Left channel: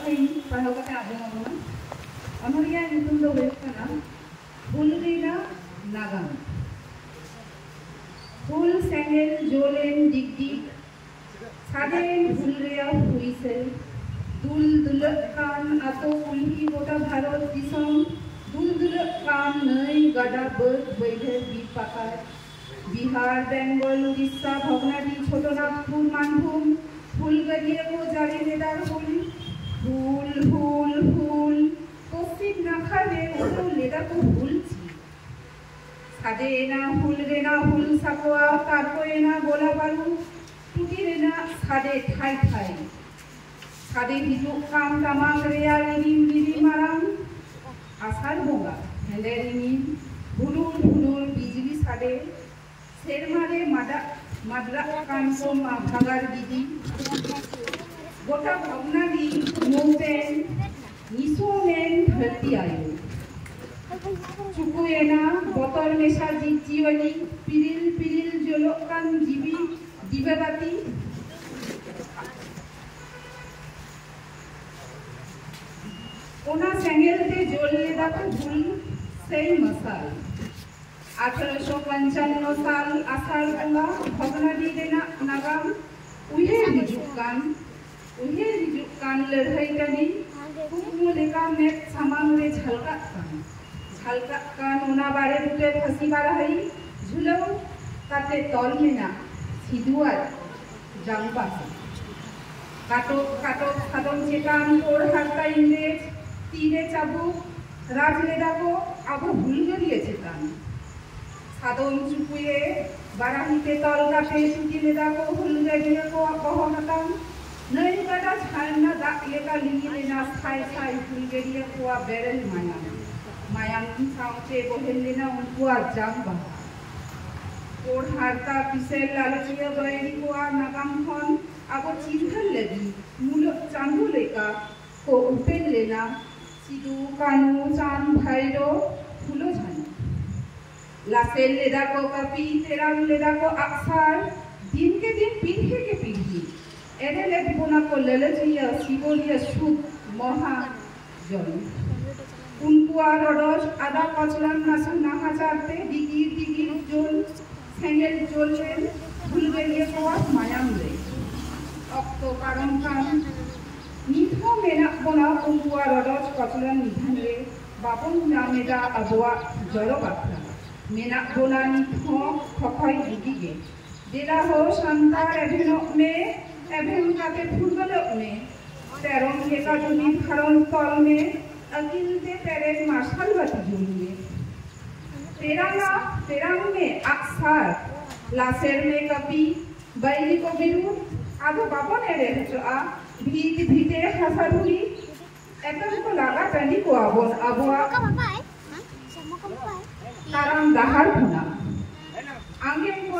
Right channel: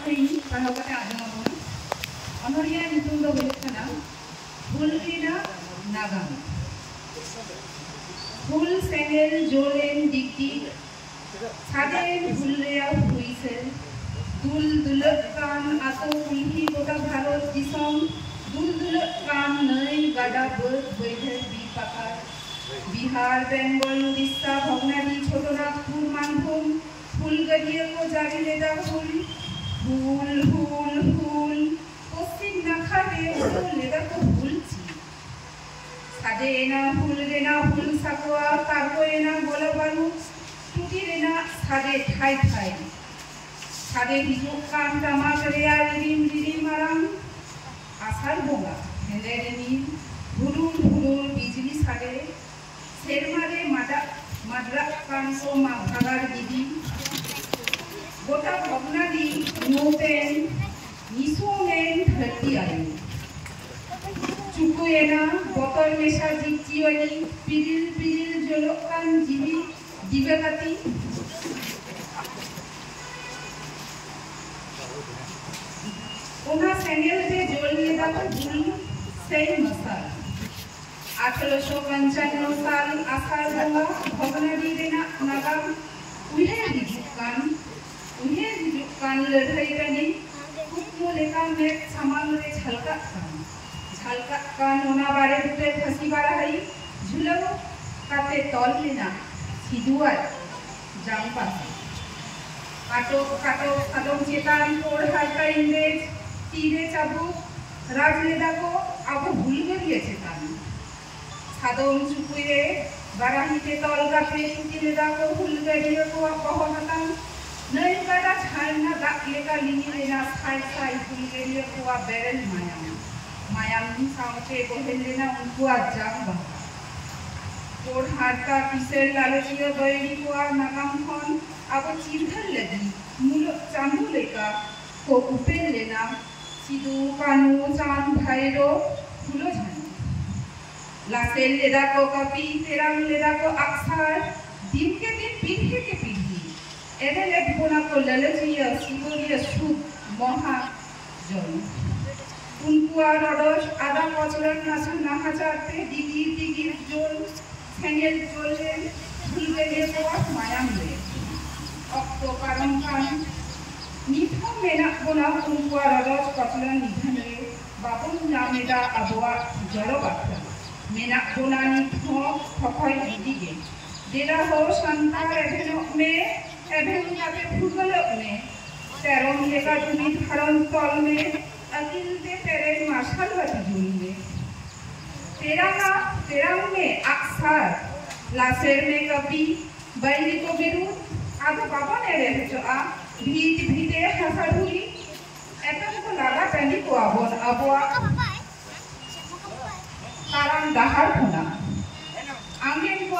ᱠᱟᱛᱷᱟᱧ ᱯᱟᱲᱦᱟᱣ ᱠᱟᱛᱮ ᱟᱸᱡᱚᱢ ᱟᱵᱚᱱᱟ ᱚᱱᱚᱞᱤᱭᱟᱹ ᱧᱩᱛᱩᱢ ᱫᱚ ᱦᱩᱭᱩᱜ ᱠᱟᱱᱟ ᱦᱩᱞ ᱨᱮᱱᱟᱜ ᱱᱟᱜᱟᱢ ᱦᱩᱞ ᱥᱮᱸᱜᱮᱞ ᱡᱳᱞᱮᱱ ᱰᱤᱜᱽᱰᱤᱜ ᱥᱟᱰᱮᱭᱮᱱ ᱦᱩᱞ ᱨᱮᱭᱟᱜ ᱦᱩᱭᱥᱮᱞ ᱫᱩᱞ ᱫᱩᱞᱟᱹᱜ ᱠᱟᱱ ᱟᱛᱳ ᱠᱩᱞᱦᱤ ᱜᱚᱴᱟ ᱵᱷᱟᱨᱚᱛ ᱫᱤᱥᱚᱢ ᱫᱩᱞ ᱫᱩᱞᱟᱹᱜ ᱠᱟᱱ ᱱᱟᱹᱭ ᱜᱟᱰᱟ ᱵᱟᱹᱫ ᱵᱟᱹᱭᱦᱟᱹᱲ ᱵᱤᱨ ᱯᱟᱠᱟᱲ बिहार बेंगल उड़ीसा भगनाडी छोटनागपुर मानभूम फुलगड़िया को जारी लेदा फुल फुल फुल फुल पश्चिम नाखा रे उड़ो लेदा को फुल ची सादे एना फुल रेना फुल साकवा तारको एना गोला बालू टूटी रेना सादे ठाई ठाई सादे हिजु कान तमाक रेया रिम रिम मारांग आसार बोंगा हेले रिम हुलुल हुलुल बिजली सादे सेरमारे मडरा कांसो मा भागार गिदी गोटा भगनाडी मोपेन निसोमेन धरती आयो चुकुएना बतर मेशा जीवनी पिरिल पिरिल जलोकान जीवी दिव्यबाती ओना सेंगेल ते जोल लेदा फुल सेई मसाल 1855 साल आषाढ़ बोंगा भगनाडी रेना नागाम उहेर हिजुक कान लड़ाई रनी कुकमु लेका में समांग रे झलकात कान ओना बारे बुटे फसी बारहाई झुलो काते तौल लेना सिदुआर जाम पासे काटो सादम चेतान कोड़ हालका इंग्रेज तीरे चाबुक राज लेदा को आबो भूलगरिए चेतान सादम चुकुए बाराहिते तलगा पे टूटी लेदा को हुलगड़िया को अपहो हतम नई गाडा झाड़ना दाग लेका लिंगी लेना साई साई हुलगड़िया को बेरल मायाम साउते बोहेल लेना उनको जाम बहा कोड हारता किसेल लालचिया बैरी को नागाम खन आबो चिरखल लगी मुलो चांदू लेका को उपेल लेना सिदू कानू चांद भाईरो फुलो झानी लासेल लेदा को कपी तेरंग लेदा को अक्सर दिन के दिन पीढ़ी के पीढ़ी एने ले बिबोना को ललचिया सिगोरिया सुख महा जन उनको आरोडोश आधा पचलन नासु नाहाचारते दिगिर जोल सेंगेल जोले भूलगड़िया को मायाम ले अक्तो पारम कान निथो मेना बोना उनको आरोडोश पचलन निधन ले बापुन नामेदा अबुआ जलो बाखला मेना बोलानी थो थकाई दीदिगे देला हो संतार एभेनक में एभेन काते फुगलक में तेरम लेका जुमी धारन तल में अकिल ते पेरे मार्शल बाती जुलगे तेरंग में अक्सर लासेर में कपी बैली को बिरु आगो बाबा ने रहे जो आ भीते हसरुई एकदम को लागा टनी को आबोन Abua Karang dahar khona angin ko